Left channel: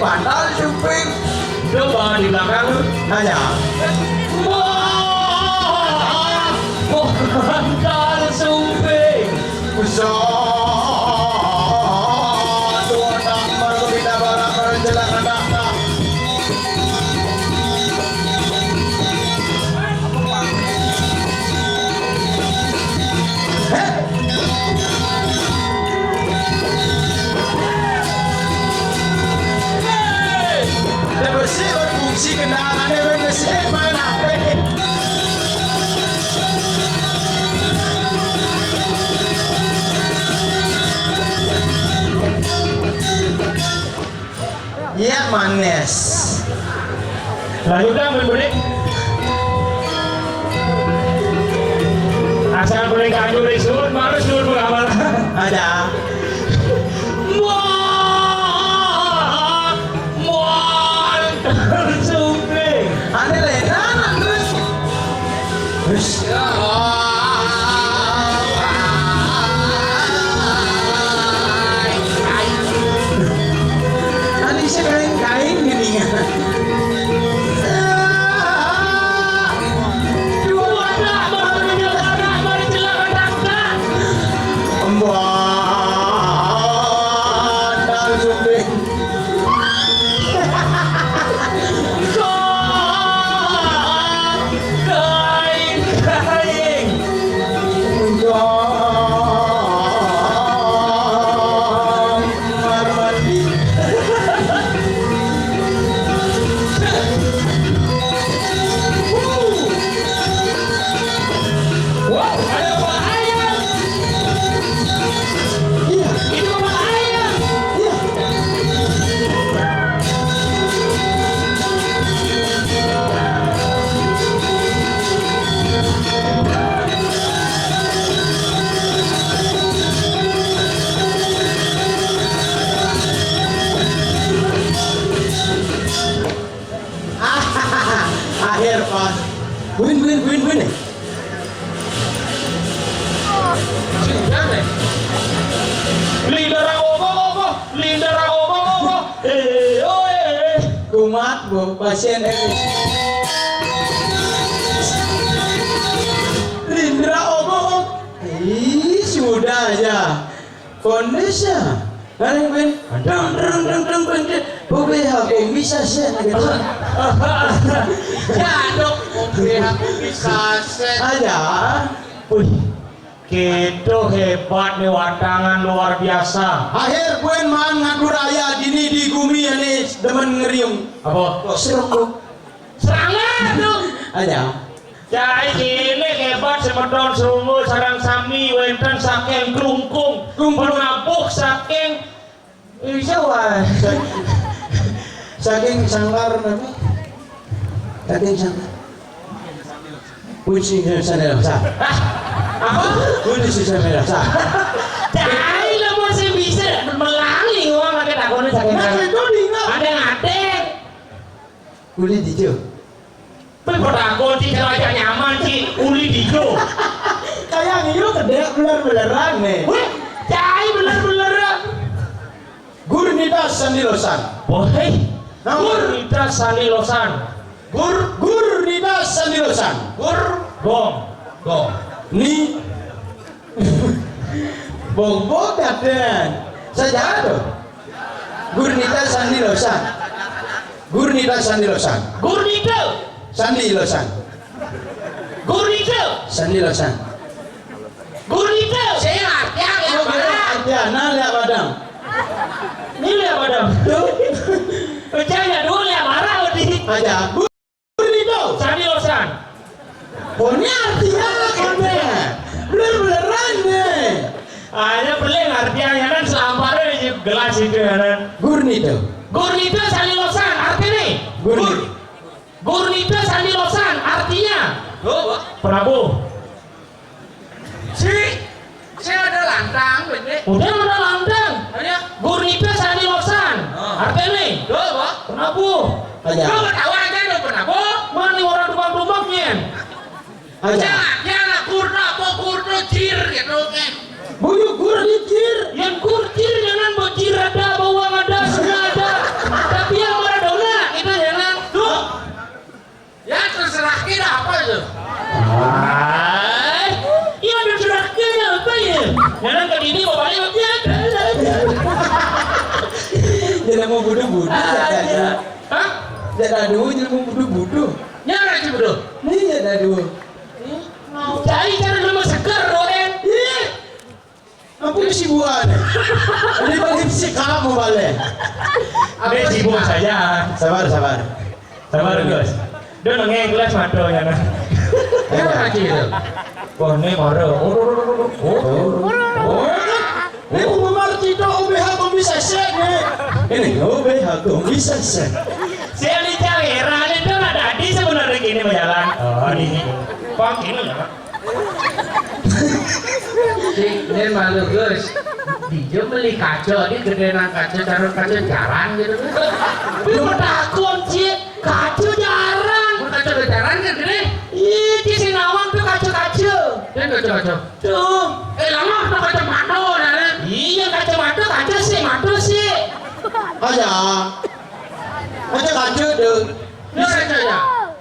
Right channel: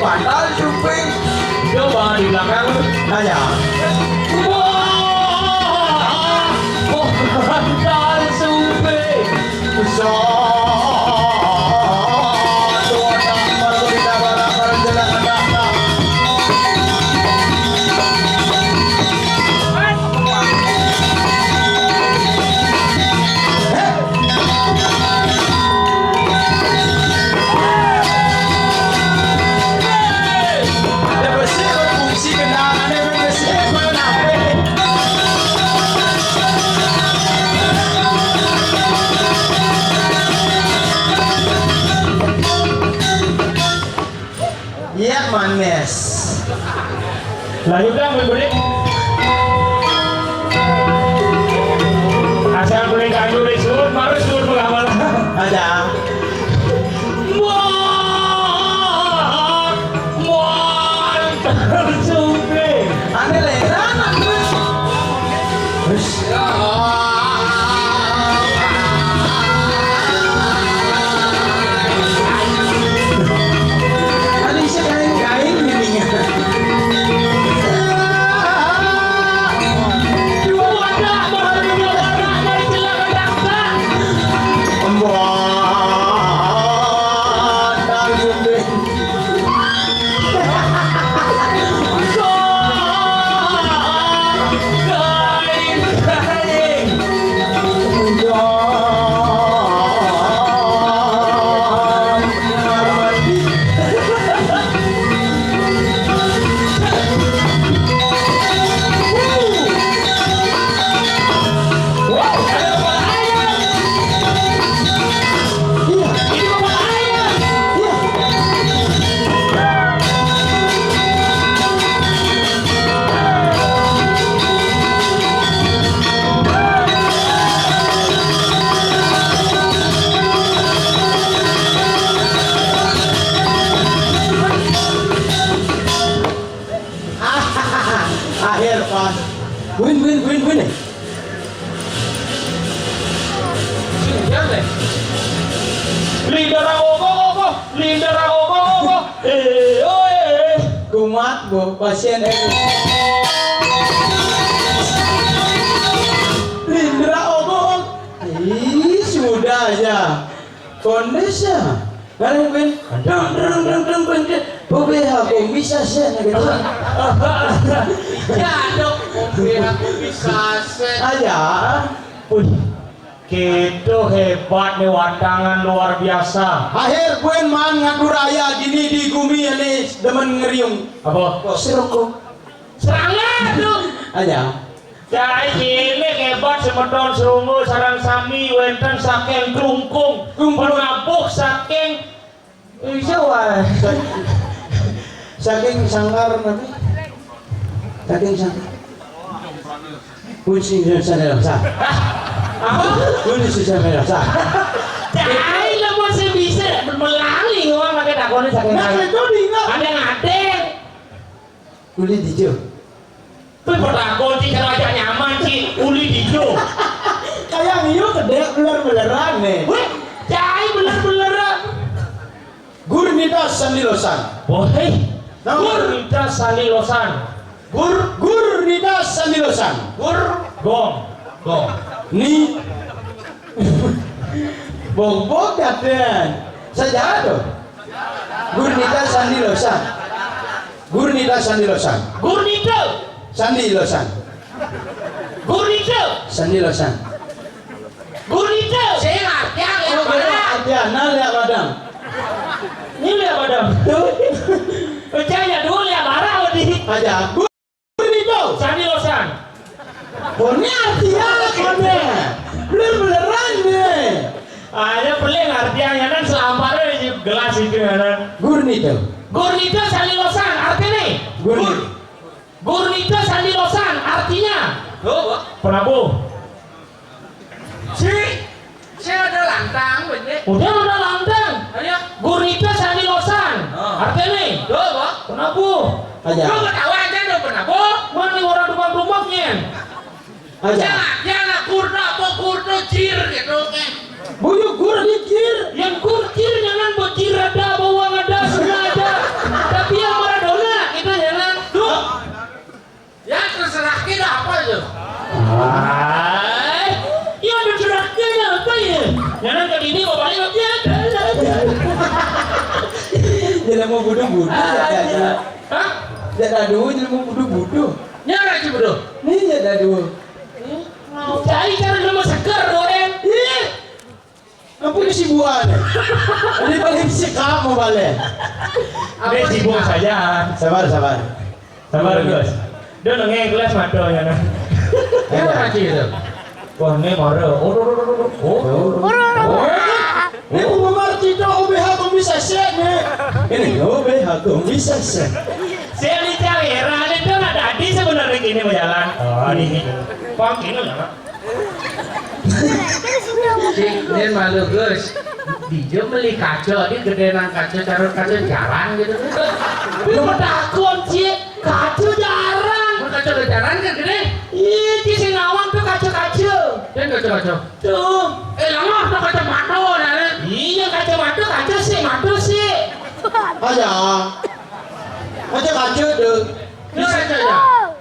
bandal suping. Coba di belakang Hanya. wah bandal suping Ya manis. lanjut dah berbunyi asal kuning kandung disebut harus dulu mengamal Ada. bandal suping Ane lenan terus. Terus. Tadi saya kain-kain gininya. Bandal suping. Akhir pas win Lidah ogo kumat bu pasien Lindra obok sudah aja kondisi Balik win, deng boleh aku bisa sih gitu jaduk boleh aku bisa aja. Gitu hebat nih wadangan luar biasa. Akhir gue man ngadu raya gini di gumi ini demen ngeriung. Apa? Seruk Serangan dong. aja. Cai cilik hebat semedon serungu sarang sami wenten saking klungkung penabuh saking Jawa. Saking sangkar nanti. Saking sangkar. Kunci sana rasa. apa? Kunci sana rasa. Cai lah masih bisa melangi ngomong pakai takoni saking ada ngate. Kulit hijau. Pertakon sih kalau aja nyaman sih uli dijo. Kayak ngiyo gede beler-beleran nih. Weh, cai beler-beleran. Gurnita Sandilosan. Boheh. Gurnita Sandilosan. Gurnita Sandilosan. Gong. Ni Bogbog kaden. Saja tuh. Gurnita Sandilosan. Gurnita Sandilosan. Gurnita. Sandilosan. Gurnita. Sandilosan. Gurnita. Saya yang mana? Ada nah lihat badang. Ini lihat padam. Tuh. Percaya dulu lihat marah di. Aja. Gurnita. Sandilosan. Pokoknya artinya kade. Beler-beleran nih. Ada beli artinya kan selamparnya di gelas itu kan. Gurnita. Gurnita Sandilosan artinya nih. Gurnita Sandilosan artinya Prabu. Si ada lantang bener. Udah ada lantang. Ada. Gurnita Sandilosan artinya nih. Prabu. Aja. Lu ketawa aja lo kenapa? Mana orang rumah-rumahnya? Aja. Jangan kurna jir gitu kan. Buyuk gur dikir. Yang kurcir jangan bocir ada bawang ada semua ada. Tapi Jadi mau budu-budu. Hah? Jadi aduh, jadi mau budu-budu. Nyara sih bodoh. Nih jadi aduh. Mau cari cara lu seger doen. Ih, apa kesibukan? Ini balik si kamu balik. Dia sibuk saja. Sabar, sabar. Sabar guys. Dia nengeng kelas matonya nah. Nyara sih itu. Wah ini marah. Ini pemerti itu OBH kok bisa sek nih. Ini OBH kok bisa sek. Saya di Cawera itu ada tadi sebenarnya gini mau jalan. Oh ini. Pak ini ya. Ini malu guys. Dia beli kaca, dia gedean kaca, taruh kaca jalan gitu. Dia mau takut sih. Kacu jarang. Mau kaca jalan kan gede? Ih, di Sinawang tuh kacu-kacu. Dia kaca. Tuh. Lama tuh kaca mata nih. Iya kacamata kaca sih, mata sih. Aja. Kaca deh. Dia kaca ya.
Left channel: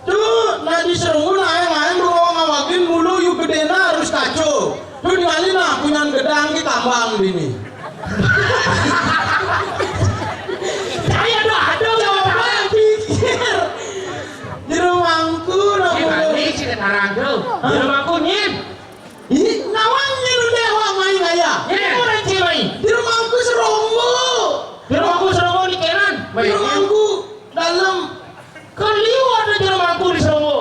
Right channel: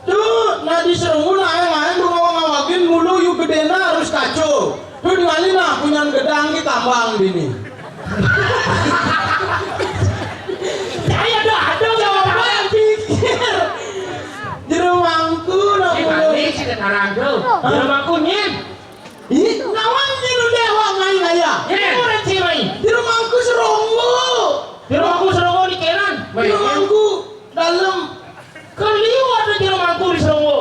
Tuh, nah di Serungu main lu ngawakin mulu yuk gedena harus kacau. Tuh ningali nah punya gedang kita tambang bini. Saya ada Coba yang pikir. Di rumahku nah Si mulu. mandi si ketarang tuh. Di rumahku nyim. Ih, nawangnya lu dewa main aja. Ini orang cewek. Di rumahku Serungu. Di rumahku Seronggo di Keran. Di rumahku dalam. Kan liwat di rumahku di Seronggo.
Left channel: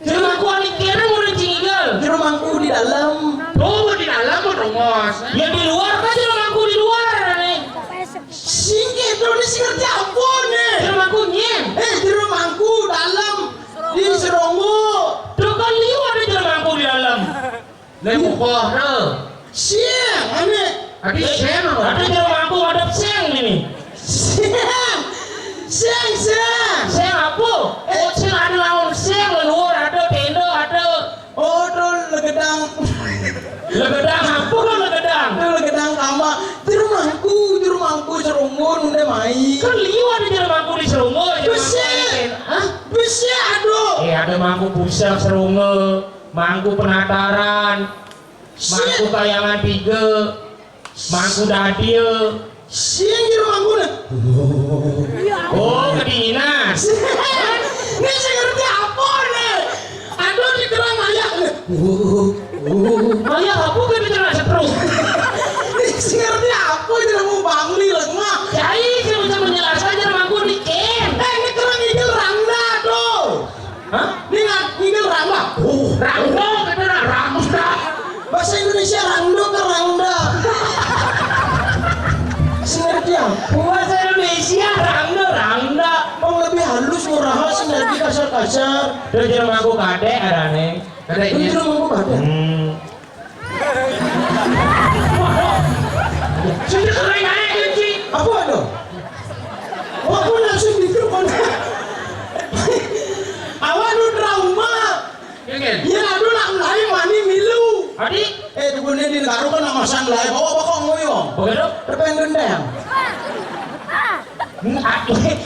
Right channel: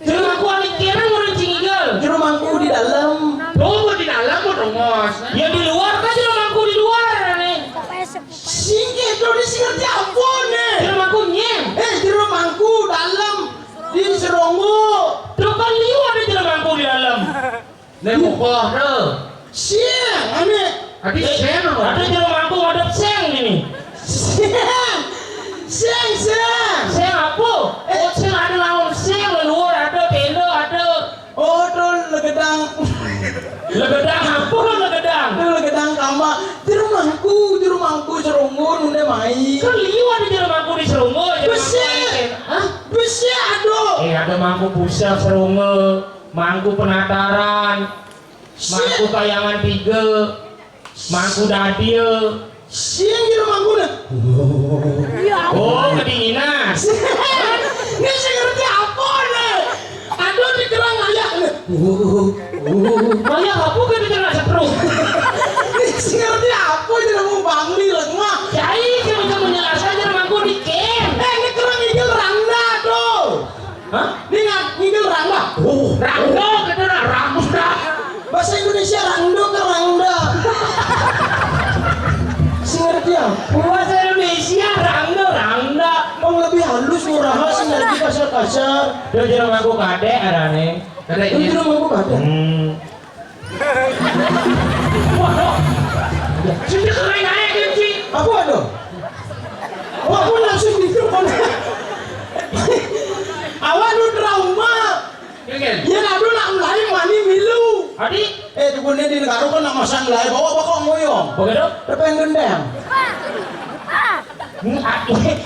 Di rumahku di Keran orang Cinggal. Di rumahku di dalam. Tuh di dalam mau rongos. Ya di luar kan di rumahku di luar nih. Singkir tuh di singkir apa nih? Di rumahku nyim. Di rumahku dalam. Di Serungu. Tuh kan liwat di rumahku di dalam. Nih mukoh tuh. Siang, aneh. Adi sen apa? Ada di rumahku ada seng ini. Siang. Seng apa? Oh seng ada lawan seng luar ada tenda ada. Oh, tuh legedang. Legedang apa kan legedang? Tuh legedang kamar. Di rumahku Serungu nune mai. Kan liwat di rumahku di Seronggo. Besar. Hah? Bisa aduh. Ada mangku pusat Seronggo, mangku penataran, mangku kayangan 3, mangku dadil. Siang di rumahku nih. Oh, kedinginan. Ini saya ngerti apa nih? Aduh di kerang ayak nih. Ayah kamu kan bicara setruk. Ini saya ngerti apa itu mau bangli lemah. Jadi saya bisa menjelaskan aja mangku di ken. Ini kerang ngigil rangda tuh. Hah? Ini ngigil rangda. Rangdo kita rangda. Bahasa Indonesia rangdo ke rangda. Saya ngerti apa? Bahasa Indonesia rangda. Mau lebih halus murah sih lagi kasar-kasar. Terus jadi mangku kadek arane. Ada Ini ini. di rumahku ada. Sudah kering aja kunci. Apa ada? Oh, aku langsung di telepon. Awak lu trauma. Ingin. Ya aduh nak mulai mani milu. Adik, Tukunnya di negara kan nak masang lai bawa bakal ngoyong. begitu? Depan gendeng.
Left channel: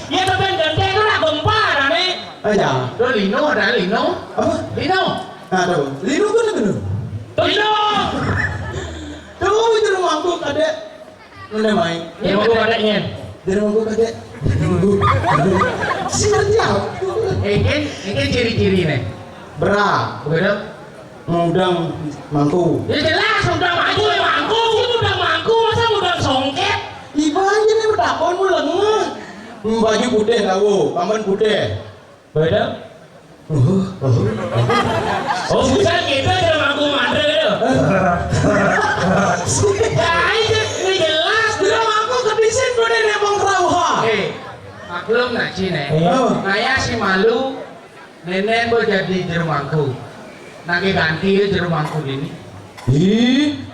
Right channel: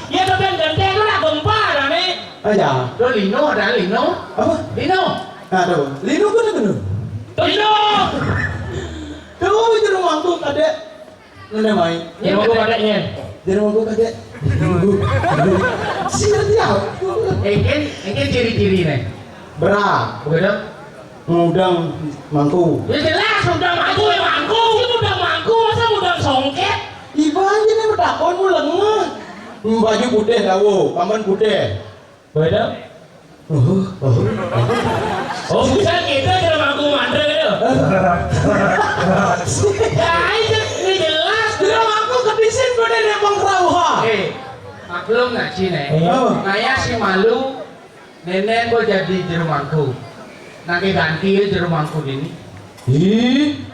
Ya tapi ganteng itu lah gempa arane. Aja. Tuh Lino ada Lino. Apa? Lino. Aduh, linu kan bener. Tino. Tuh di rumahku kadek. Nune main. Ya mangku kadeknya. Di rumahku kadek. Siapa? Ingin ciri-ciri nih. Berat. Begitu. Ngudang mangku. Ya jelas udah maju ya mangku. Ini udah mangku masa udah songket. Iba aja nih bertakon mu lengah. Baju putih tahu, paman putih. Begitu? Oh bukan gitu aja mangku mandre gitu. Ya ini jelas. Dia aku kebisin gue dari Bang Rauha. Maklum nggak sih nih? Iya. Kayak si malu. Nenek gue jadi jerumangku. Nanti ganti jerumangku ini. Ih.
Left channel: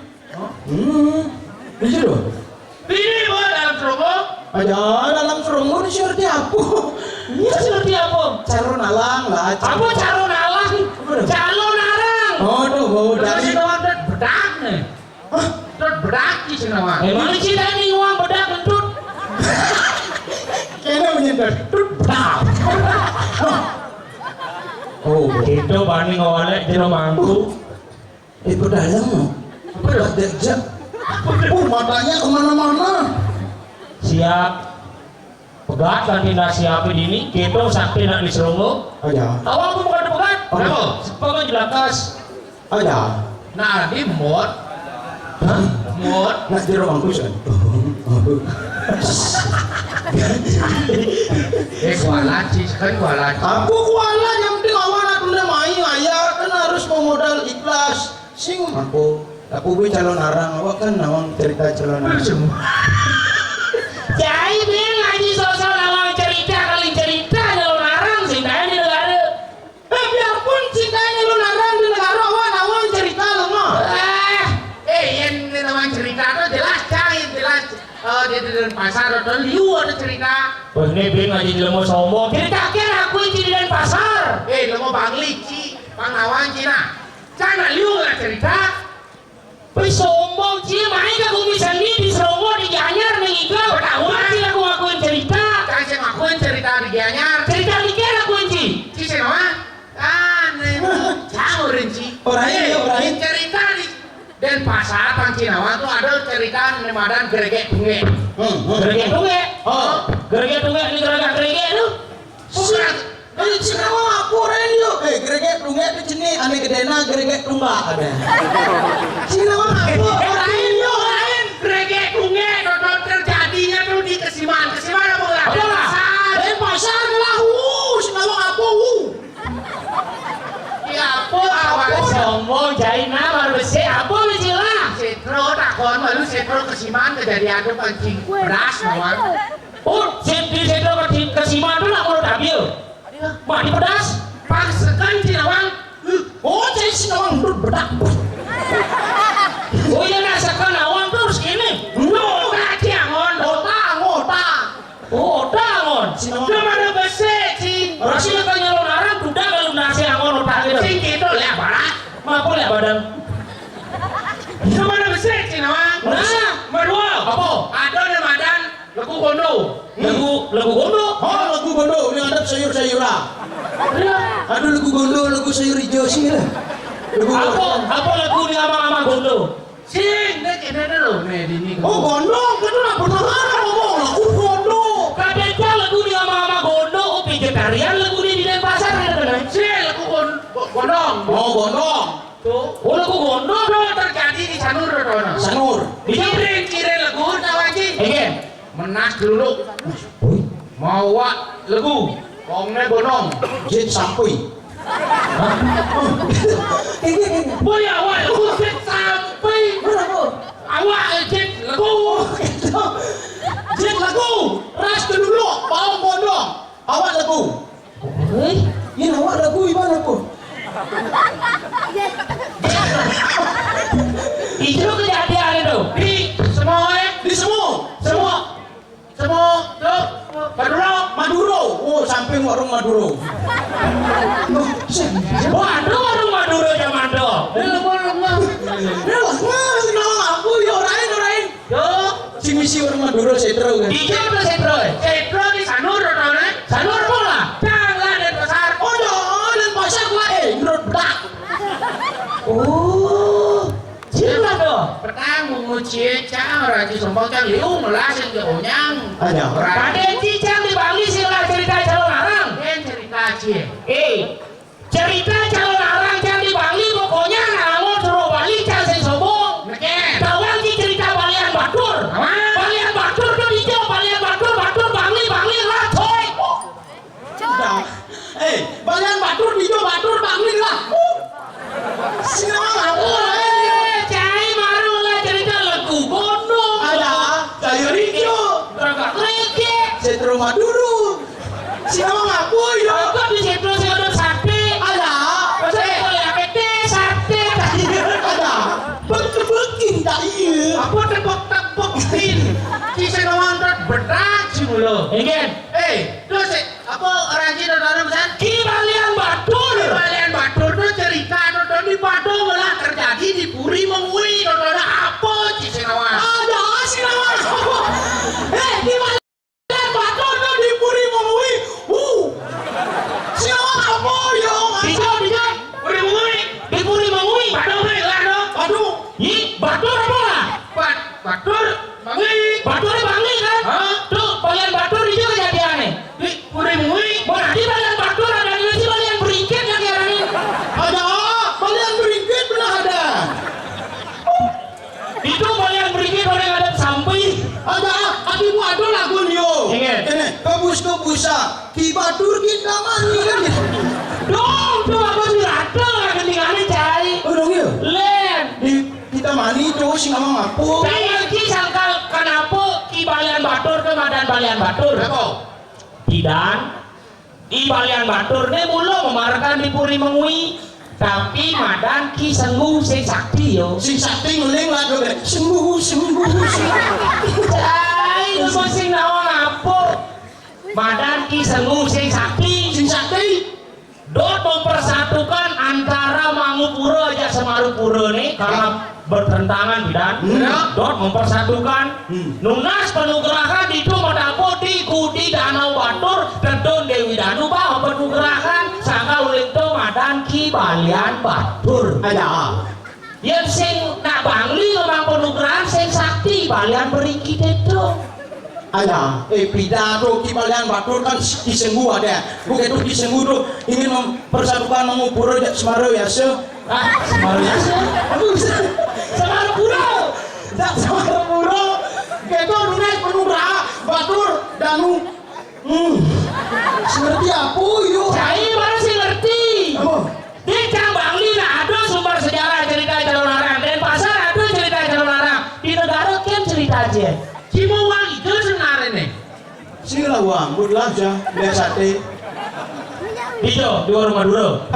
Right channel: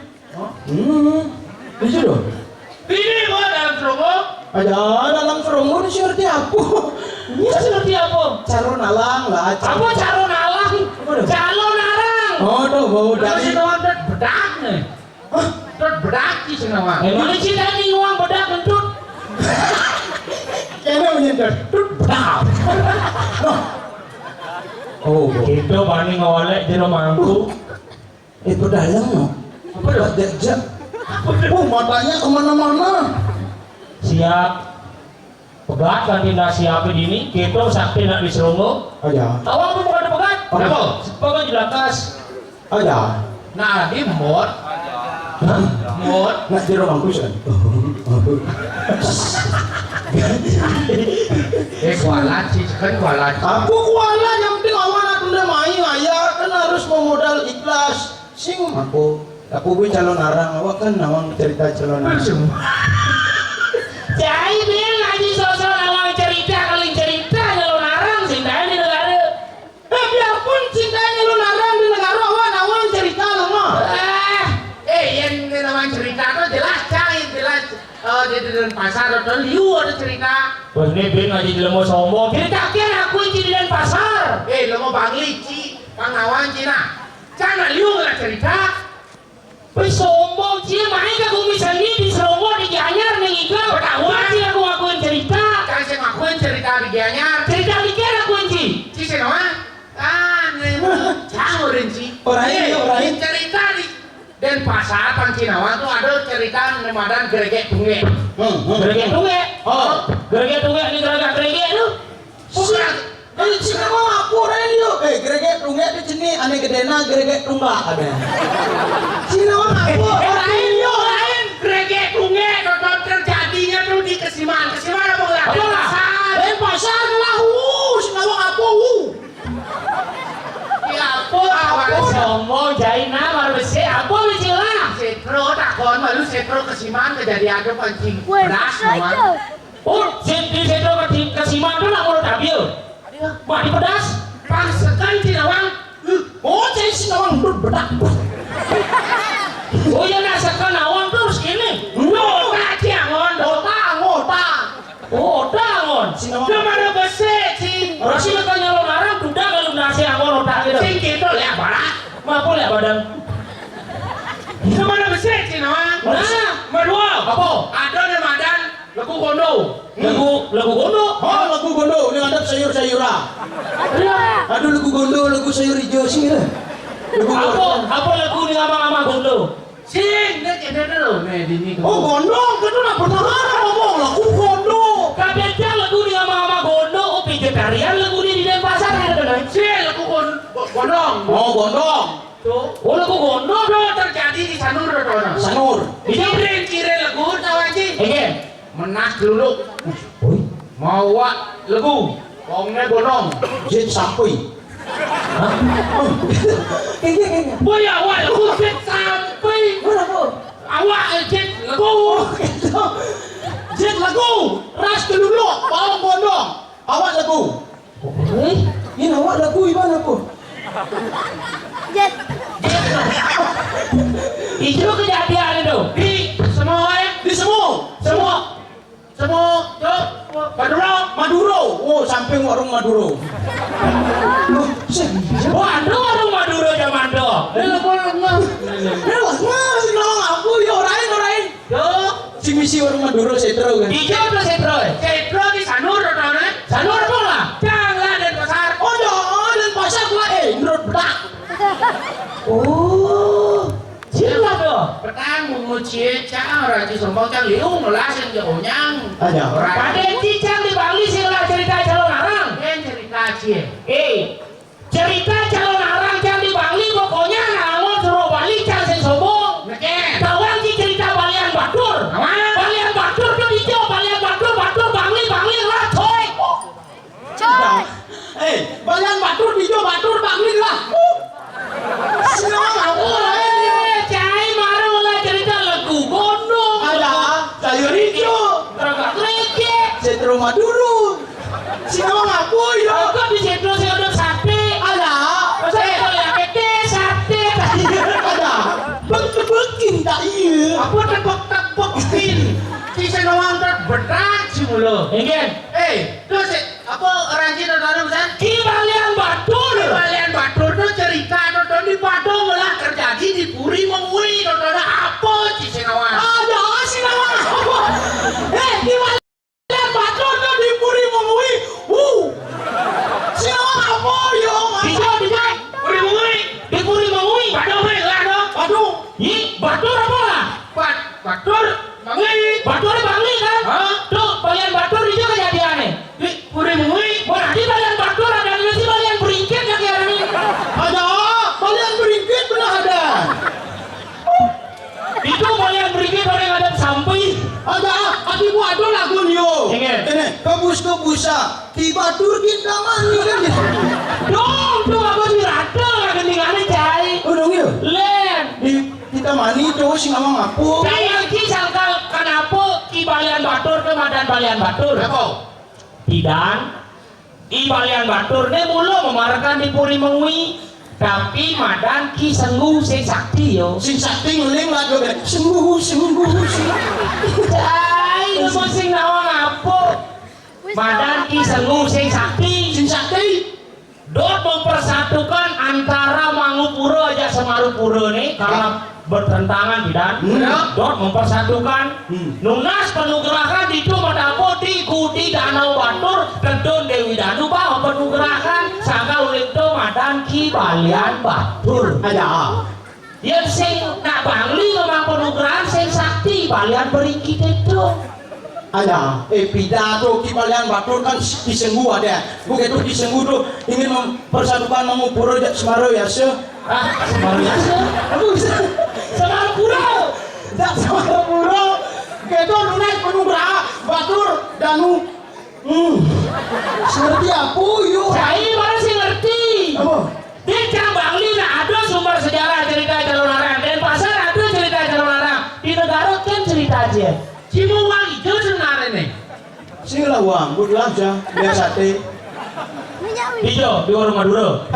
Bisa dong. Ini gue dalam serobok. Aja dalam serungu ini seperti apa? Ini seperti apa? Calon alang lah. Apa calon alang? Calon arang. Oh tuh bau Dari dari. doang bedak nih. Hah? Terus bedak di sini mah. Emang sih tadi uang bedak kentut. Kayaknya menyentuh. Tuh bedak. Oh, Gitu bani ngawalek jero mangku. itu dalam loh. Apa ya? Dejak. Oh, matanya kemana-mana. Siap. pegat kan tindak siapa dini kita sakti nak diserungu Aja. awal aku bukan pegat Kenapa? sepakat jelakas Aja. Nah, di mod. Nak jero mangku san. Kualat sih, kan kualat. Aku kuala yang penting awan aku udah main ayah kan harus pemodal ikhlas. Sing aku gue calon arang awak kan nawang cerita calon arang. Cai bilang ngaji sosok awal cerita kali cerita jalur narang sindahnya di negara Biarpun cintanya lu narang di negara awak nawang cerita lu mah. Yang namanya cerita tuh jelas cai, jelas. Di pasar atau liu ada cerita. wah ini bilang ngaji jelemu sombong cerita kira aku yang di pasar Lo mau bang lici, bang awan Cina. Jangan liu lah cerita. wih sombong sih main ke bumi sendiri di Seronggo di Gianyar nih Iqbal Ketahuan. sih aku ngakuin cerita Kasih ngakuin cerita di Gianyar. cerita dikira ngakuin sih Cici nama? Jangan rinci. Orang Cerita di dan pasar Pancinawan tuh ada cerita nemadan geregek tunge. gerege tunge Oh, gerege tunge ini gerege lu Bukan. ini cina mau aku orang yuk. Geregek tunggak itu jenis aneh gedena geregek tunggak ada. Cina mau aku Lain yo lain geregek tunge nonton terjadinya tuh di Kesiman. Kesiman apa enggak? Apa lah? Dan pasar lah, cina mau aku. Ya apa? sombong jaina baru besi apa lah Setro takon malu setro Kesiman kejadian tuh pancing beras teman. oh di situ ke Sima itu lah mau ambil mah di pedas Pas sekan Cinawang. Oh, jadi cina mau berbedak. oh iya nasakan awang terus ini Ngota ciangon. Ngota. oh dangon Cina mau. Dia mana besi cing. Rasanya kan nyalon arang kuda kalau nasi angon otak gitu Cing gitu lah barat. apa lah badan Dia mana besi Cinawang. nah Medua. Apa? Ada nemadan lagu gondo. lagu gondo Oh, lagu gondo, ini ada sayur-sayuran. Aduh, lagu gondo, lagu sayur hijau sih lah. Lagu apa lagu ni ama-ama gondo Cing, nek ini dulu. Nih di ini. Oh, gondong, itu lah pertahanan ngomong lagu gondo. kadang lagu ni ama-ama gondo oh vegetarian lagu ni di Denpasar ada benar Cing, lagu gondong. Oh, gondong. Tuh. oh lagu gondo Tuh terjadi di Sanur Dodono. Sanur. Kirim lagu tawa cing. Again. Menas dulu. Mau wak lagu. Kongnya gondong. Jet sampai. Boy awak lagu jet sampai. Mana kau? Awak jet lagu. Jet lagu. Ras dulu, bawang gondong. Awak lagu. Ini awak lagu gimana kau? Itu kejadian itu. Di semua Di semua. tuh Maduro. Oh, samping warung Maduro. Warung Maduro zaman itu. Sing lawang aku ya orain. Tuh. Sing misi warung Maduro setro kan. Ijo apa setro? Cetro di Sanur Dodono. Sanur bola. Jangan dan pasar. Oh, dan pasar gua menurut bedak. Oh. Cila tuh. Petang menguci cang raji sombong cang liung melasin ke onyang. Aja. Raden Cicang di Bali sila cerita calon arang. Yang cerita cie. Cerita calon arang cang di Bali pokoknya namun suruh Bali cang sing sombong. Neken. Kawan ki cerita Balian Batur. Balian Batur tuh hijau, Balian Batur Bangli lah coy. Balian batur hijau batur bangling lah. Sinawang aku Cai baru lah cerita lagu gondong. ada sayur hijau. Ragak kereke. Setro Maduro. Sinawang aku ya. Aku di situ sih udah sate. Ada. Saya boleh pete sate. Ada. Bekin tak iya. Apa tepok-tepokin. Ci senawang ter berat sih mulu. Ingin. Terus apa raji Dodono kan? Ki Balian Batur. Kalian Batur tuh cerita Dodono di Padang malah terjadi di Puri Mengui. Dodono apa Ci senawang? Ada Sinawang aku. Di Balian batur tuh di Puri Mengui. Sinawang apa yo? Dijauh. Puri Mengui. Di Puri Mengui. Padang lah no. Aduh. Batur apa lah? Batur Mengui. Batur Bangli kan? Hah? Tuh Balian Batur itu kejadiannya. Adi bu ado lagun yo. Ingat. Ini kebus-kebusa. Ki batur kita mani kan. Dong apa sih rata ketinggalan cai. Oh dong yo. Len. Kita mani tuh sing ngomong apa? Saya ki sangkal kenapa ki balian batur ke madan balian batur? Apa? Tidak. Ki balian batur ne mula memarkan di puri mengui. Tapi madan ki sengguh sing sakti yo. Sing sakti nguling lah tuh. Sembuh. Cai, lu sing nawang apa? Madan ki sengguh sing sakti. Sing sakti. Dot mempersatukan antara Mangupura aja Semarupura nih karena bertentangan bidan. Dot mempersatukan. Nunas penugrahan di Dumadapo di Gudi Danau Batur Kedon Dewi Danu bawa penugrahan sangka uling tu madan ki balian batur. Ada. Yang sing nak bangli ngomong penugrahan sing sakti balian beringkit itu. Ada. Pidato ki balian batur kan disenggu ada. Begitu disenggu tuh ingin mempersatukan Mangupura Semarau ya se. Semarang biasa. Semarupura. Semarupura. Gitu lunas penugraha batur danu. Seperti apa yuk? Cai mana sih ngerti? Apa? Di Bangli nah ada sumber sejarah cerita Jalur Larang. Denpasar ada cerita Jalur Larang. Di negara kan cerita aja. Cimuang itu sebenarnya nih. Sini lah uang, buatlah aja, biar sate. Hijau di warung Madura.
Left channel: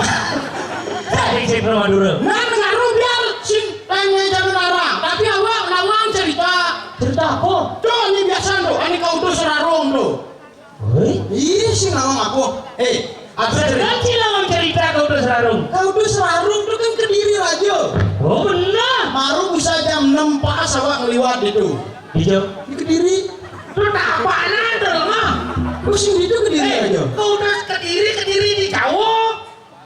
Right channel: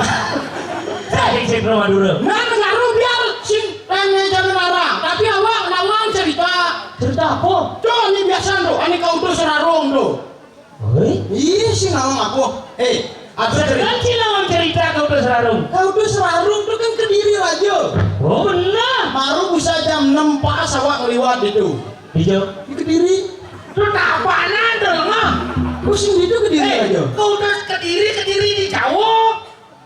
Saya di warung Madura. Nah, ngaruh biar sing tanya Jalur Larang. Tapi awak nawang cerita. Cerita apa? Tuh, ini biasa tuh, ini kau tuh serarung tuh. Hei? Iya sih nawang aku. Aku cerita. Sedang cilawang cerita kau tuh serarung. Kau tuh serarung tuh kan Kediri aja. Oh benar. Baru bisa jam 6 pas awak ngeliwat itu. Hijau. Di Kediri. Terus apaan tuh mah? Pusing itu Kediri aja. Kau udah kediri di Jawa.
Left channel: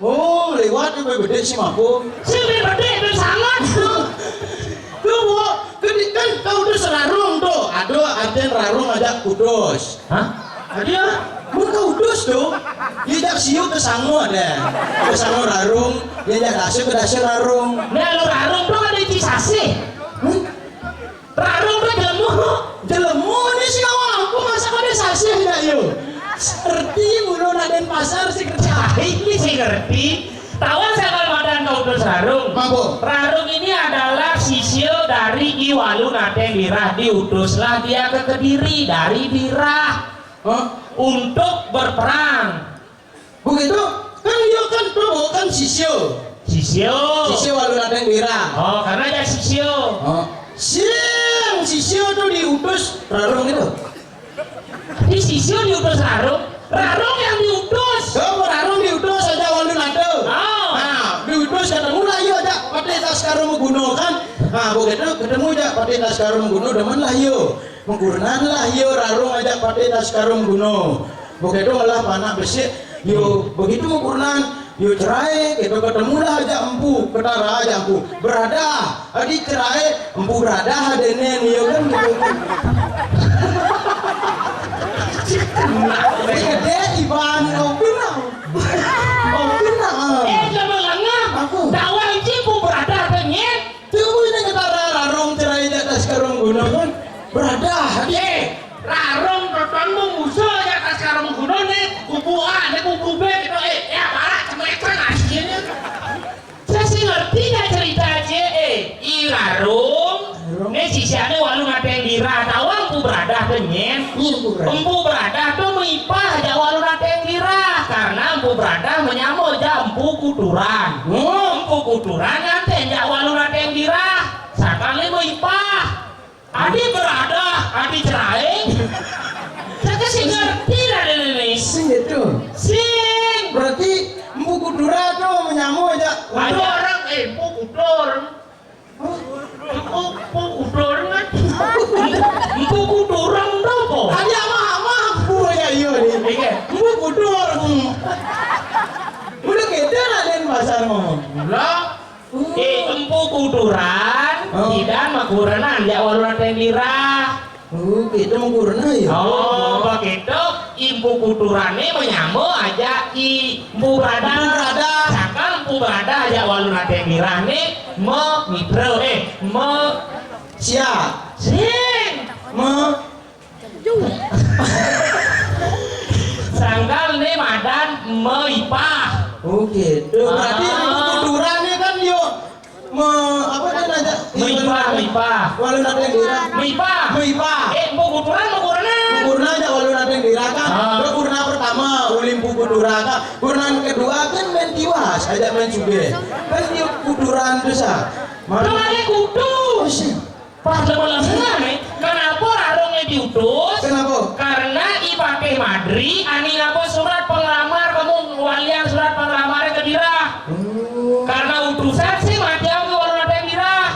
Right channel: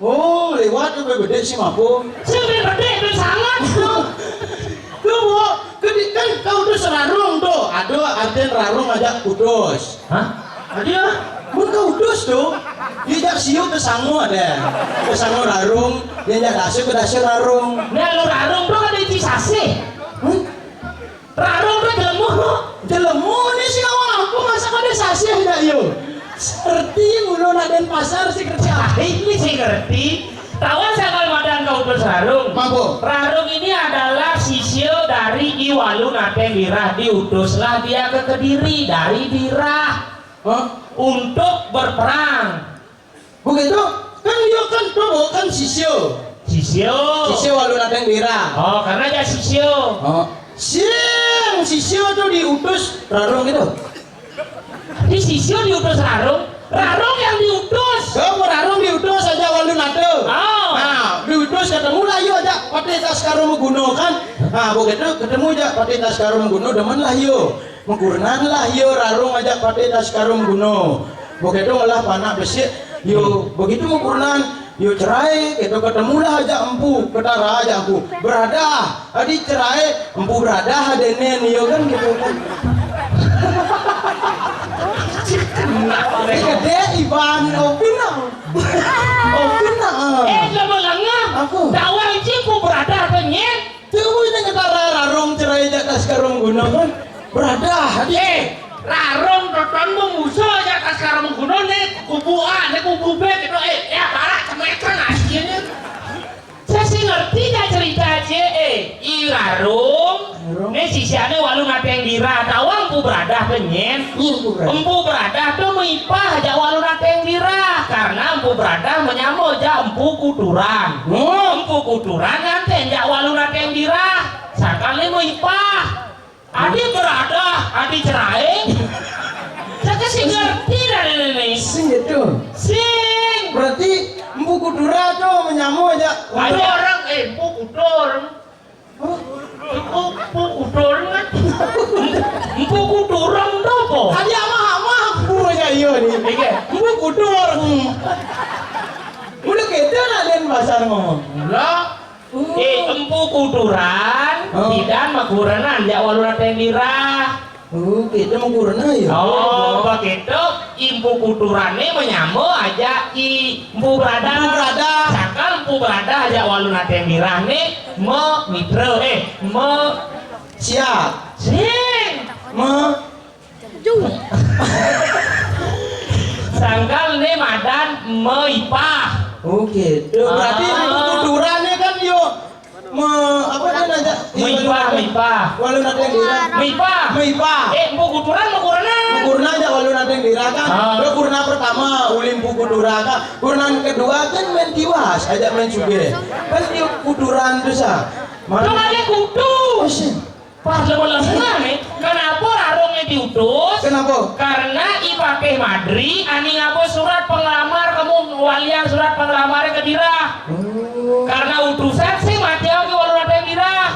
Oh, lewat tuh gede sih mampu. Sini gede itu sangat tuh. Tuh, Bu, kan kau tuh serarung tuh. Aduh, artian rarung aja kudus. Hah? Ada? Mun kau kudus tuh. Dia jak siu ke sangu ada. Ke sangu rarung, dia jak dasar ke dasar rarung. Nah lu rarung tuh ada di Cisase. Rarung tuh jelemu. Jelemu ini sih awak aku masa ada sasi ada yuk. Seperti mulu Raden Pasar sih kerja. Ini sih ngerti. Tawan sekal madan kau tuh rarung. Mampu. Rarung ini adalah sisio dari Iwalu Nateng Birah. Diutuslah dia ke Kediri dari Birah untuk berperang. Begitu? Kan dia kan tuh kan sisio. Sisio walu Nateng Birah. Oh, karena ada sisio. Sisio tuh diutus rarung itu. Di sisio diutus rarung. Rarung yang diutus. Kau rarung diutus aja walu Nateng. Oh. Nah, diutus ketemu lah yuk aja pakai tas karung gunung kan. Nah, begitu ketemu aja pakai tas karung gunung demen lah yuk. Mengkurnan lah yuk rarung aja pakai tas karung gunung. Begitu malah panah besi yuk begitu mengkurnan. Yuk cerai, itu ketemu lah aja empu, ketara aja empu, berada, adik cerai, empu berada, adenen, yuk kan gitu kan. Gede Ivan, opina. Coba langah. Aku. Dakwah cipu berada penyen. Tuh ini ketara rarung cerai di atas karung gunung kan, berada, adik. Rarung totonmu musuh aja atas karung gunung nih kubu A, nih kubu B gitu. Ya parah cemekan aslinya. Saya sih ngerti gak cerita aja. Rarung. Nih sisiannya walu Nateng Birah. Tawang empu beradah penyen. Empu beradah tuh mipah aja walu Nateng Birah. Karena empu beradah menyambut aja empu kuturan. Empu kuturan nganten aja walu Nateng Birah. Sakali mipah. Adi berada, adi cerai. Saya kasih ngerti dari ini. Sing gitu. Sing. Berarti empu kudura tuh menyamu aja. Ada orang empu kudur. Empu kudur kan? Empu kuduran apa? Tadi ama empu aja iya nih. Iya. Empu kudur. Udah gitu Raden Pasar ngomong. Lah. Empu kuduran, tidak makuranan ya walu Nateng Birah. Kita mengkurna ya. Oh, begitu. Empu kudurannya menyambung aja empu berada. Empu berada. Sakal empu berada aja walu Nateng Birah nih Siap. sing. Sangkal nih madan meipah. Oh gitu. Berarti kudurannya kan yo apa kan aja? Meipah. Walau ada yang dira. Meipah. Mau kuduran mau kurana. Kurna aja walau ada yang dira kan. Lo kurna pertama ulim buku duraka. Kurna kedua kan main tiwas aja main suge. Kan dia kuduran tuh sa. Dong ada kudus. Pas lemes-lemes nih, kenapa rarungnya diutus? Kenapa? Karena ipake madri, ani ngapa surat penglamar kamu walian surat penglamarnya ke dirah. Karena utusan sih mati aku walau ada yang dirah.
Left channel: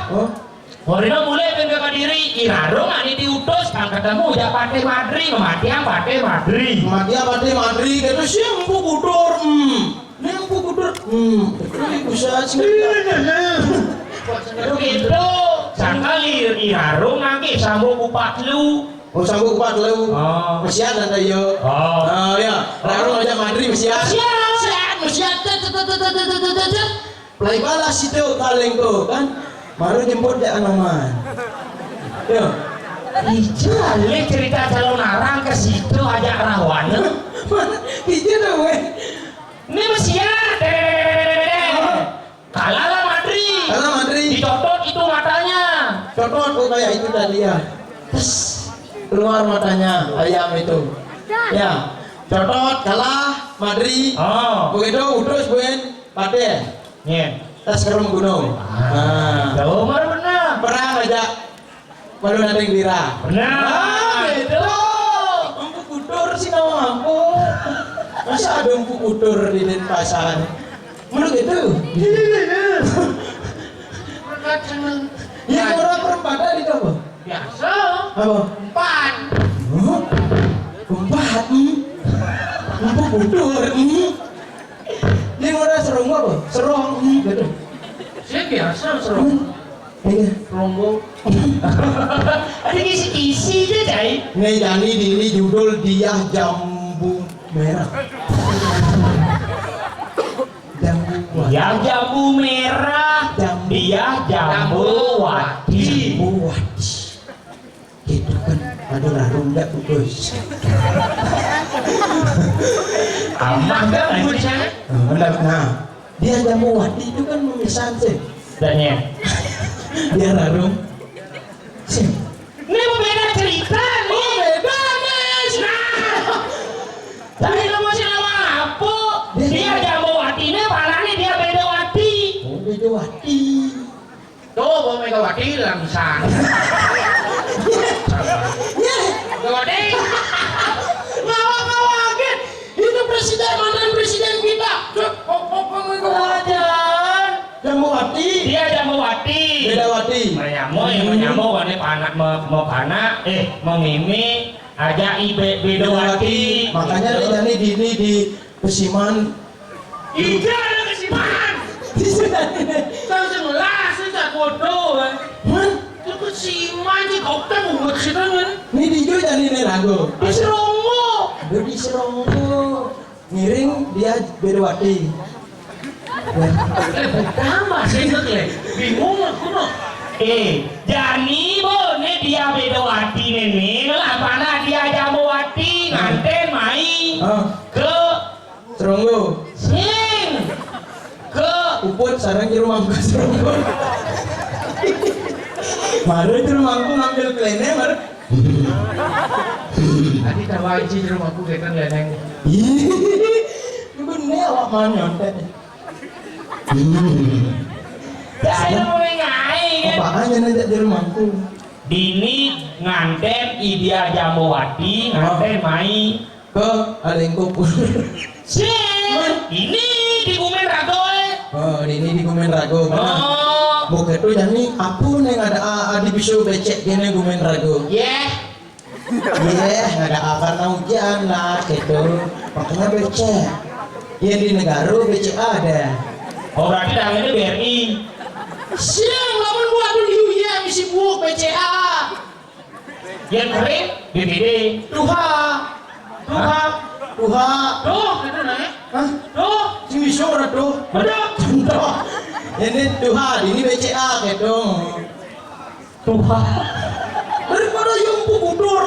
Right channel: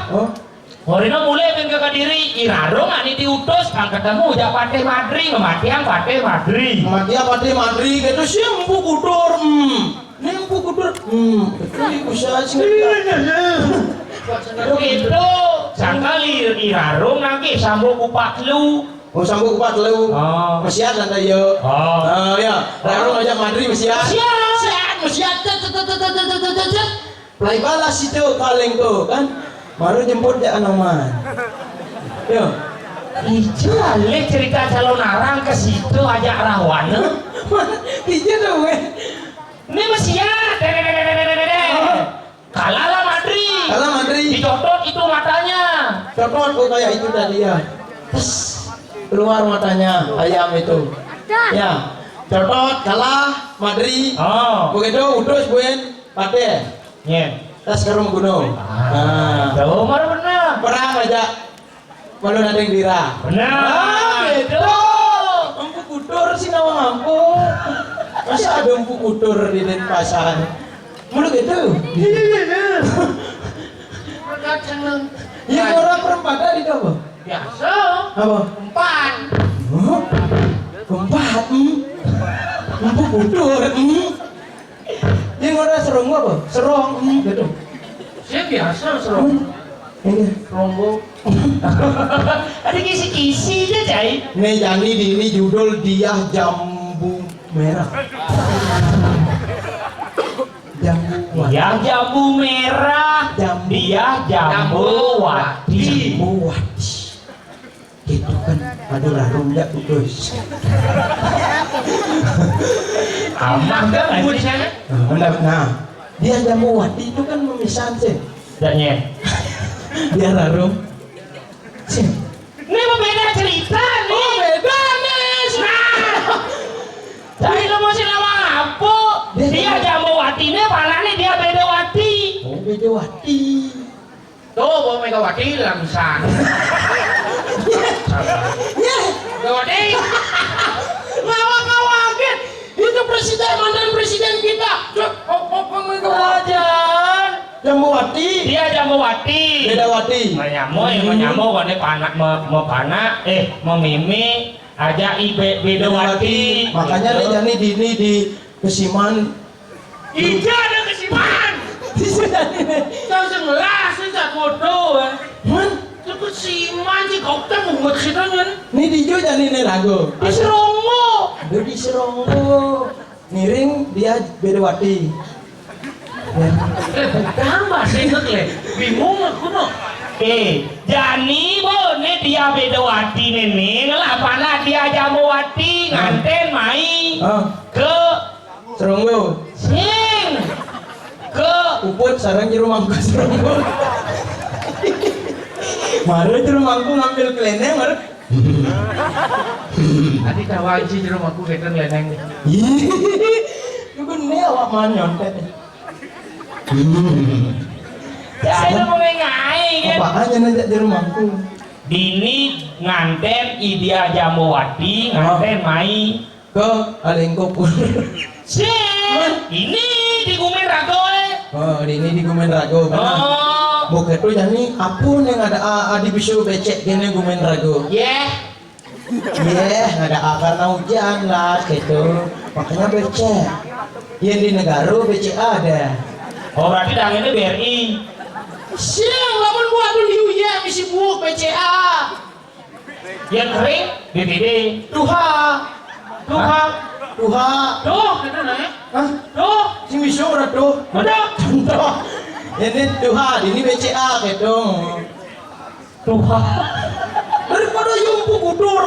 Warina mulai kan ke kadiri, irarung ani diutus, kan ketemu jak pate madri, mematiang pate madri. Madri gitu sih empu kudur. Ini empu kudur. Ini bisa sih. Gitu, sangkali irarung nanti sambung kupat lu. Oh sambung kupat lu. Mesiat anda yo. Ya, rarung aja madri mesiat. Mesiat. Play balas itu kaleng tuh kan. Baru jemput dia anoman. Yo. Ijo ale cerita calon arang ke situ aja rawan. Ijo tuh weh. Ini mesiat. Kalah madri. Dicodot itu matanya. Codot kok kayak itu tadi ya. Terus keluar matanya ayam itu. Ya. Codot kalah madri. Begitu utus buen pate. Nye. Tas karung gunung. Jauh mana benar. Perang aja. Walau ada yang dira. Benar. Gitu. Empu kudur sih nama mampu. Masa ada empu kudur di Denpasar? Mulu gitu. Ya orang perempatan itu apa? Biasa. Apa? Umpan. Empat. Empu kudur. Dia orang serong apa? Serong. Gitu. Saya biasa serong. Rombong. Ada kisi-kisi aja, Cai. Nih jadi ini judul dia jambu merah. Yang jambu merah, dia jambu wati. Jambu wati. Gitu kan. Aduh rarung enggak putus. Aman kan ibu di sana? Nah, dia jambu wati itu kan memisah sih. Danya. Dia rarung. Sih. Ini beda cerita nih. Oh beda nih. Nah. Tapi lo masih lama apa? Dia jambu watinya palanya dia beda wati. Oh beda wati. Tuh, bawa Megawati langsung. Ya. Megawati. Ngawak-ngawakin. Itu presiden mantan presiden kita. Wajan. Jambu wati. Dia jambu wati. Beda wati. Menyamu kan panak mau panak mau mimi aja ibe beda wati. Makanya nih jadi di Kesiman. Ija ada kesiman. Di sana ini. Tahu sebelah sejak bodoh. Man, Itu kesiman sih kau kan umat kita kan. ini di Jo jadi nih rago. Di Serongo. Aduh di Serongo. Ngiring dia beda wati. Bukan bahasa itu bingung aku no. Jani bo ne dia beda wati nene lah mana dia jambu wati nganten mai ke Serongo. sing ke Uput sarang di rumahku Serongo. Baru di rumahku ngambil keleneng baru. tadi tawaji di rumahku kan leneng. Ih, itu nih awak nyontek. Saya mau ngai kan. Apaan yang ada di rumahku? Dini nganten idia jambu wati nganten mai Ke Alengkopur. sing ini di Gumen Ragoe. Oh, ini di Gumen Rago. Bukan tuh jadi apun yang ada adi bisu becek gini Gumen Rago. Yeah. Iya, ada karena hujan lah gitu. Makanya becek. Yang di negara becek ada. Oh berarti dah ini BRI. Siang lamun gua tuh di uya misi buuk BCA. Yang kering BPD. Tuha. Tuh, itu nih. Hah? Tuh, Si miso ora tuh. ada. Contoh. Ini tuha, ini BCA gitu. Tuh. Daripada yang kudur.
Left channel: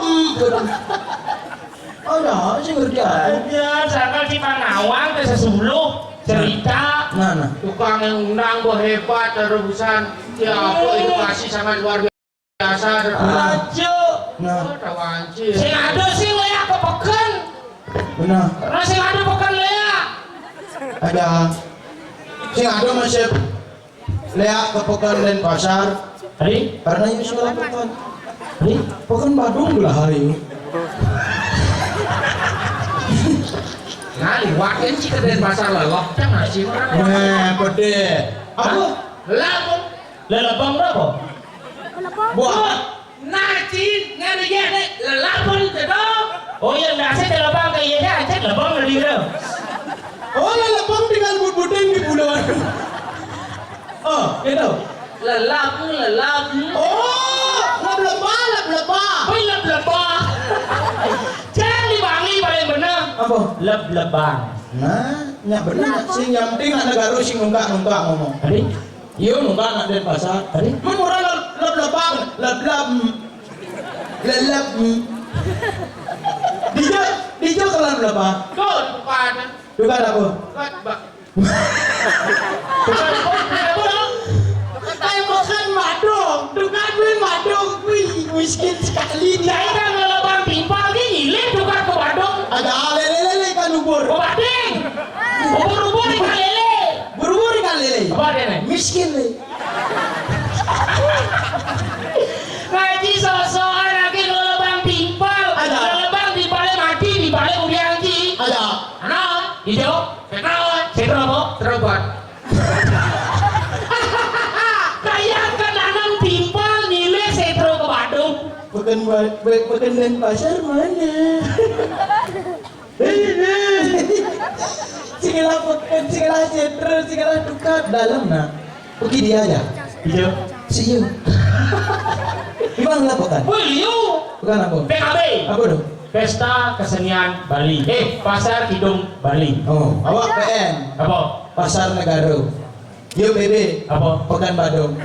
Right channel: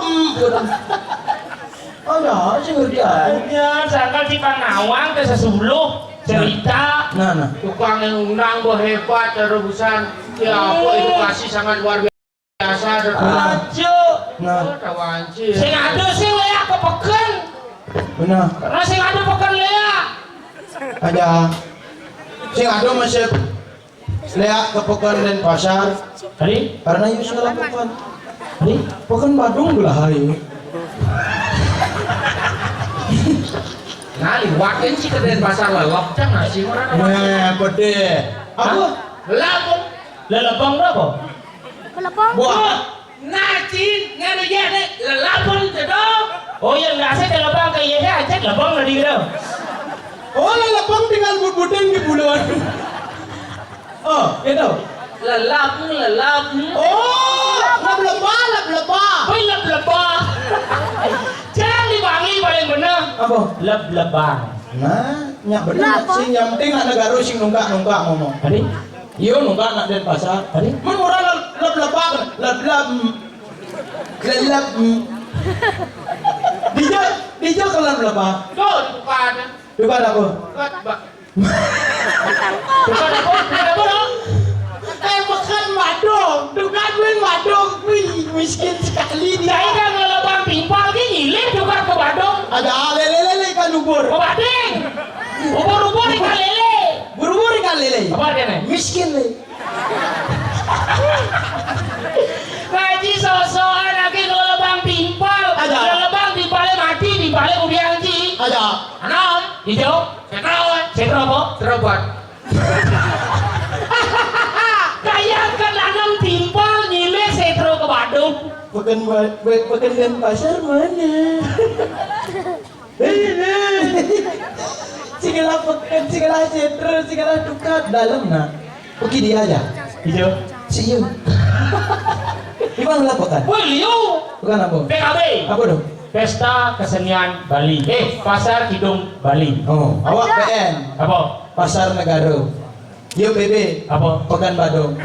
ya, sih ngerti aku. Ya, sangkal si Panawang ke sesuluh cerita. Nah. Tukang yang undang gue hebat terusan. Ya apa edukasi sangat luar biasa. Aja. Nah, Tawanci. Sing ada sing leak kepeken. benar. Karena sing ada peken leak. Ada. Sing ada masih lihat ke pekan dan pasar. Tadi? Karena itu segala pekan. Pekan Badung belah hari. Nah, liwatin sih ke Denpasar lelok jangan sih orang. Nah, pede. Apa? Lapung. Lelebang berapa? Buah. Nacin nganu ya deh lapung sedong. Oh iya, biasa lelebang kayak iya aja lelebang lagi gitu. Oh, lepang tinggal bud-budeng di buluan. Oh, itu. Lelapung. Oh, lep-lebah. Leb-lebang. Jangan dibangi paling bener. Apa? Leb-lebang. Nah, nyak bener sing yang penting anak garu sing nunggak ngomong. Tadi? Iya nunggak nak den pasar. Tadi? Mun ora lep-lebang, lelep. Dia kalau lep-lebang. Tuh bukan. Juga aku. Bukan apa? Makan madong, bukan madong, miskin sekali Saya dia. kan lelebang timpal ki nyilih tukar ke Badung. Ada lele ikan ubur, Oh bading. Ubur-ubur ikan lele. buru-buru ikan lele. Apa dia nih? Miskin le. Ngaji sosokan lagi lelebang timpal. Ada. Lelebang timpalnya mati di balik ubiang ji. Ada. Anom, hijau, sekro apa? Terobot. Kayak kan anom timpal nyilih sekro ke Badung. Bukan dan pasar mana? Segala pekan, segala cedera, segala dukat dalam nak. Pergi dia aja. Hijau. Si Yu. Gimana lah pekan? Wiliu. Bukan apa? PKB. Apa dong? Pesta Kesenian Bali. Pasar Kidung Bali. Oh, awak PN. Apa? Pasar Negara. Yo BB. Apa? Pekan Badung.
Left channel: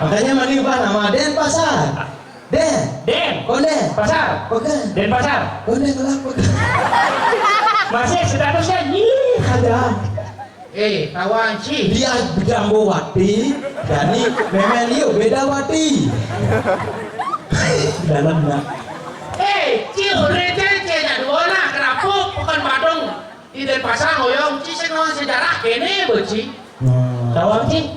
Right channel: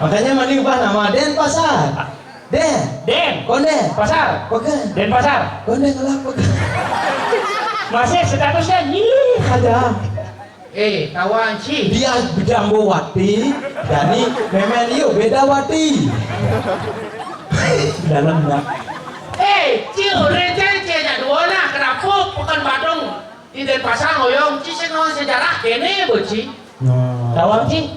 Makanya mending apa nama Den Pasar. Den. Konde. Pasar. Pekan. Den Pasar. Konde ngelak pekan. Masih statusnya nyilih. Ada. Kawan sih. Dia bidanggo wati. Jadi memen yo beda wati. Dalamnya. Cil receh dua nah kenapa bukan Badung di Denpasar ngoyong sih sejarah kene boci. Tawang sih.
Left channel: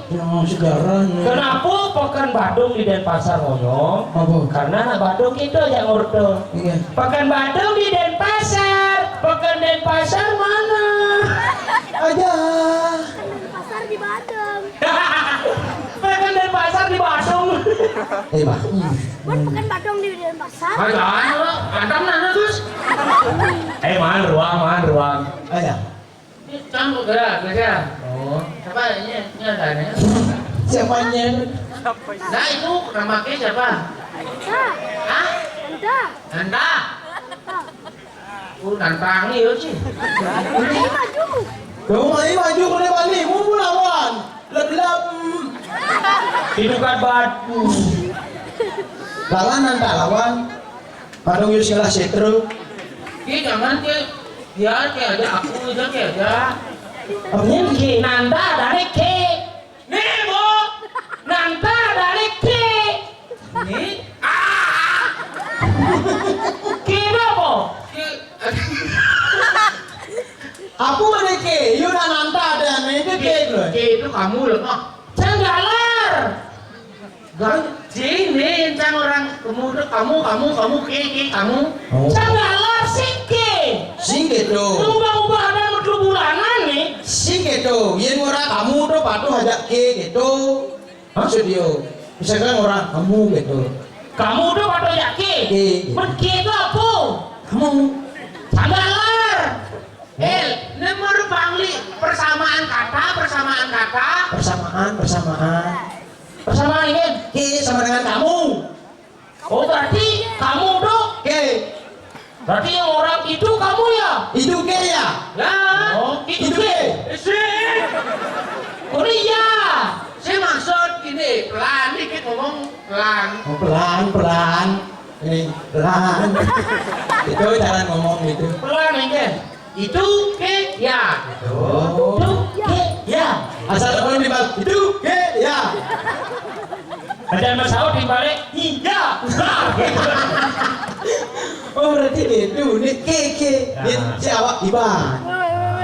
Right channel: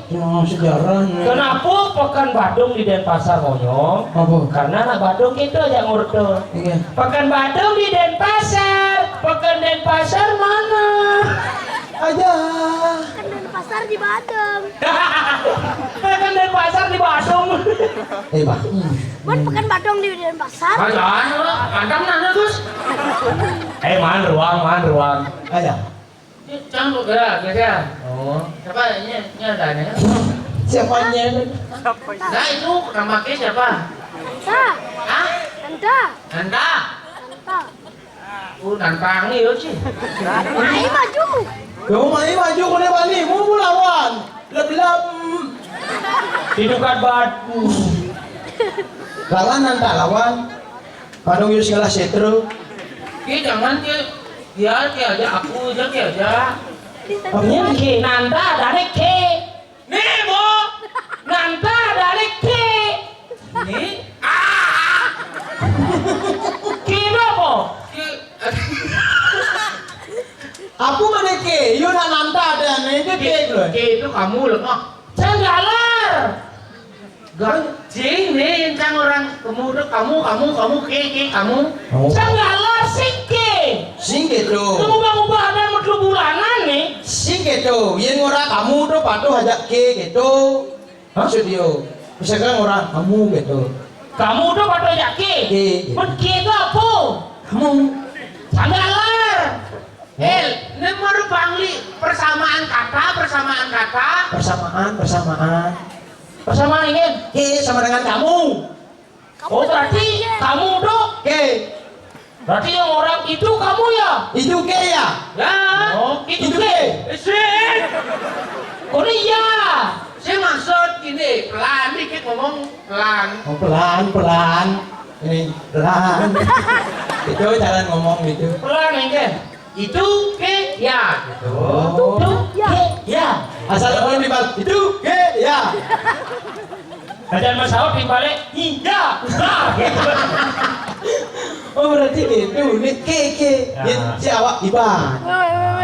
Sejarahnya. Kenapa Pekan Badung di Denpasar ngoyong? Apa? Karena anak Badung itu aja ngurdo. Iya. Pekan Badung di Denpasar. Pekan Denpasar mana? Aja. Pasar di Badung. Pekan Denpasar di Badung. Bah. Buat pekan Badung di Denpasar. Jangan lo, antam nana terus. Man ruang. Aja. Jangan gerak. Oh, siapa ini ada nih? Siapanya? Nah itu namanya siapa? Anta. Hah? Anta. Anda? Anta. Nantang nih yo sih. Ayo maju. Kamu maju ke depan nih, mau lawan. Lep-lep. Hidupan batu. Lawan nanti lawan. Padung yus ngelah setru. Jangan dia aja aku aja. Apanya nih? Ki nanda dari ke. Nemo. Nanda dari ke. Ini Ki apa? Aku mana ke? Yuk nanta ada nih itu ke loh. itu kamu loh. Cenggalar. Gajing nih yang cang orang kamu ke kamu. Cenggalar singke. Sing gitu. Ubah-ubah dan medlu bulanan nih. Sing gitu. Yen ora kamu tuh patuh ajak ke gitu. Maksud dia. Misalkan orang kamu gitu. Kamu udah pada yakin? Ke. Pergi itu apa? Kamu. Cenggalar. Nomor bangli persamaan kata. Persamaan ini. Ke sama dengan kamu. Oh berarti kamu tuh. Ke. Berarti yang orang itu kamu ya? Itu ke ya? Ya. Oh itu Itu ke. Sih. Oh iya. Saya maksud gini, pelan dikit ngomong pelan. Oh, pelan. Ini pelan. Itu cara ngomong gitu. Pelan engke. Itu ke ya gitu. Oh. Itu ke ya. Asal temen di bal itu ya. Dan Mas Saud dibalik iya. Nah, gitu. Oh berarti gitu nih ke. Si awak Iban.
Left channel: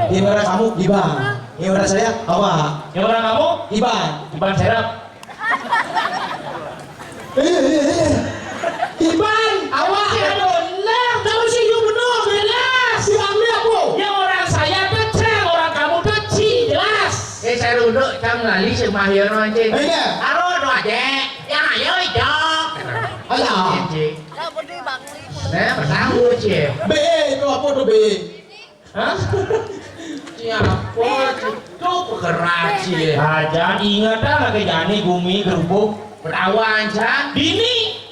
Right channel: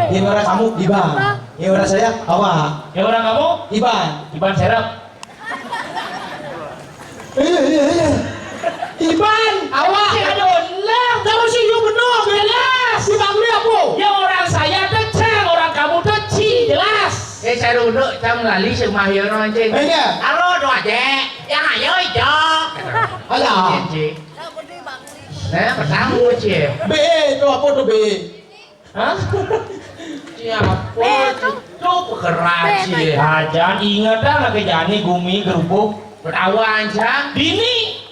Ini orang kamu Iban. Ini orang saya awak. Yang orang kamu Iban. Iban serap. Iban. Awak aduh lah, tahu sih you benar jelas. Iban ini apa? Yang orang saya tuh ceng, orang kamu tuh ci jelas. Saya duduk trong lali semahir anjing. Iya. Halo doa dek, yang ayo itu. Alah. Nah, pertama cie. B itu apa tuh B? Hah? Siapa itu pegerak cie? Aja ingat dah lagi jani gumi gerubuk berawan aja. Bini.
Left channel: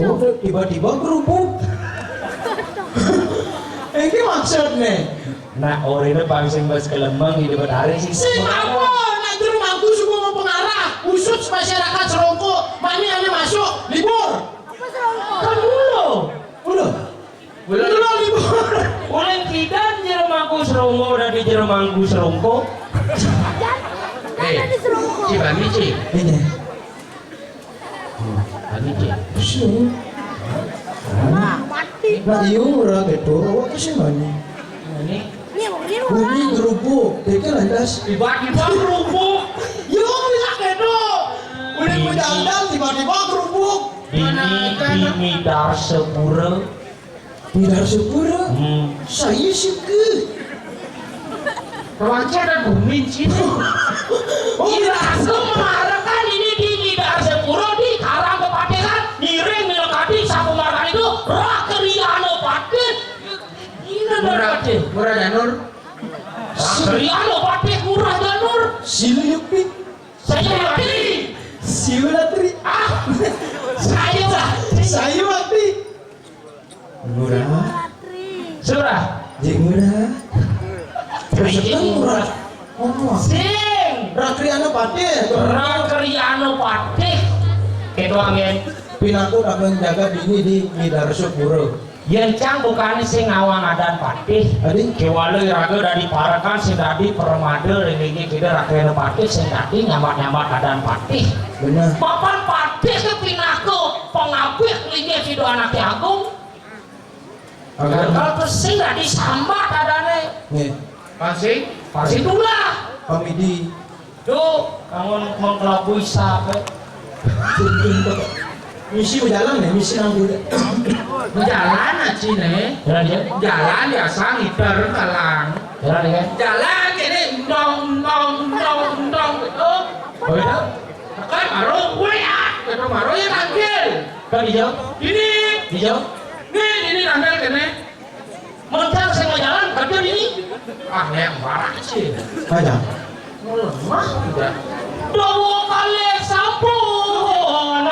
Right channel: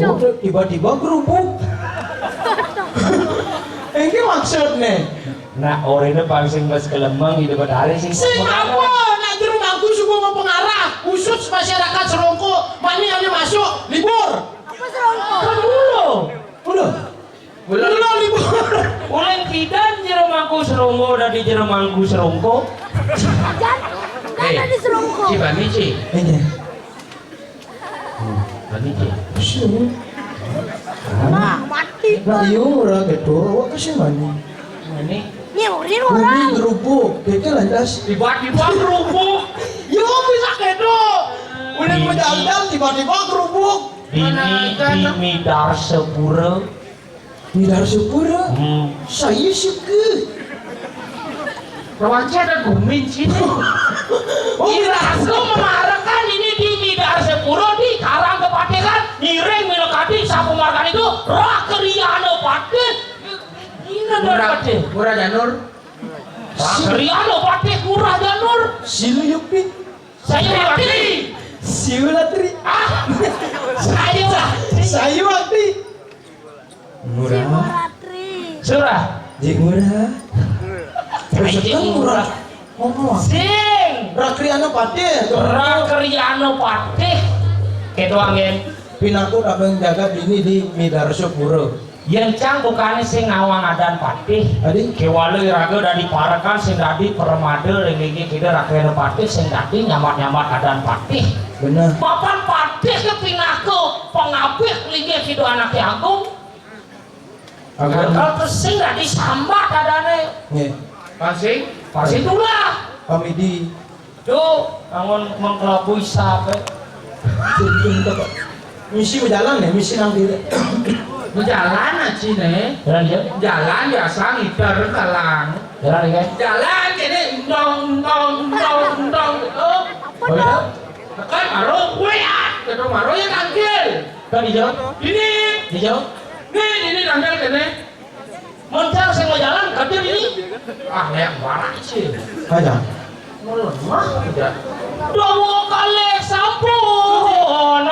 Oh, tiba-tiba kerupuk. Ini maksudnya. Nah, orang itu paling singkat kelemang di depan hari sih. Singapura, nak di rumahku semua mau pengarah khusus masyarakat Serongko. Mani hanya masuk libur. Apa serongko? Kan dulu. Udah libur. Ulen kita di rumahku serongko udah di rumahku serongko. Jangan ada di serongko. Bani Ci. Ini. Bani Ci. Sini. Nah, mati. Nah, iya orang gitu. Awak kasih mani. Ini Ini Gumi orang. kerupuk. Kayaknya landas. tiba-tiba kerupuk. Yo bisa gitu. Udah berjalan tiba-tiba kerupuk. Ini di midar sepura. Midar sepura. Saya suka. Rawanca dan Gumin Cina. Kira aku mengarahkan ini di midar sepura di karang kepatekan. Nireng milokati sapu markan itu rakeriano paten. Ini dari Murah Janur. Rakeriano paten murah janur. Siluyupi. Saya mati. Siulatri. Ah, saya Sayuati. Murah. Ratri. surah. Jik murah. Terus kan murah. Oh. Sing Rakriano pate. Rakeriano paten. Ketu angin. Pinaku nak menjaga bini di Midar Sepura. Yang cang bukan sing ngawang adan patih. Adi. Kewale raga dari parakan sing dadi permade ringi kita rakyat patih sing dadi nyamat-nyamat adan patih. Benar. Papan patih kepinaku pengabih lingi kido anak agung. Agar. Kalau terus sing dadi sambat adane. Nih. Pasing, pasing itulah. Pamidi. Duh, angon mengkelabui sape. Misi berjalan nih, misi nanti. Jalan aja nih. Jalan dia, Jalan biasa ngiter kalang. jalan dia. Jalan gini ndong gitu. Oh iya, Kan maro gue ya. Gitu maro ya tanggil. kan hijau, Ini. hijau. Ini tanggil gini. Moncang sing mau jalan, kerja ini. Ah, yang parah sih. Aja. Melemah udah. Dua kali sampun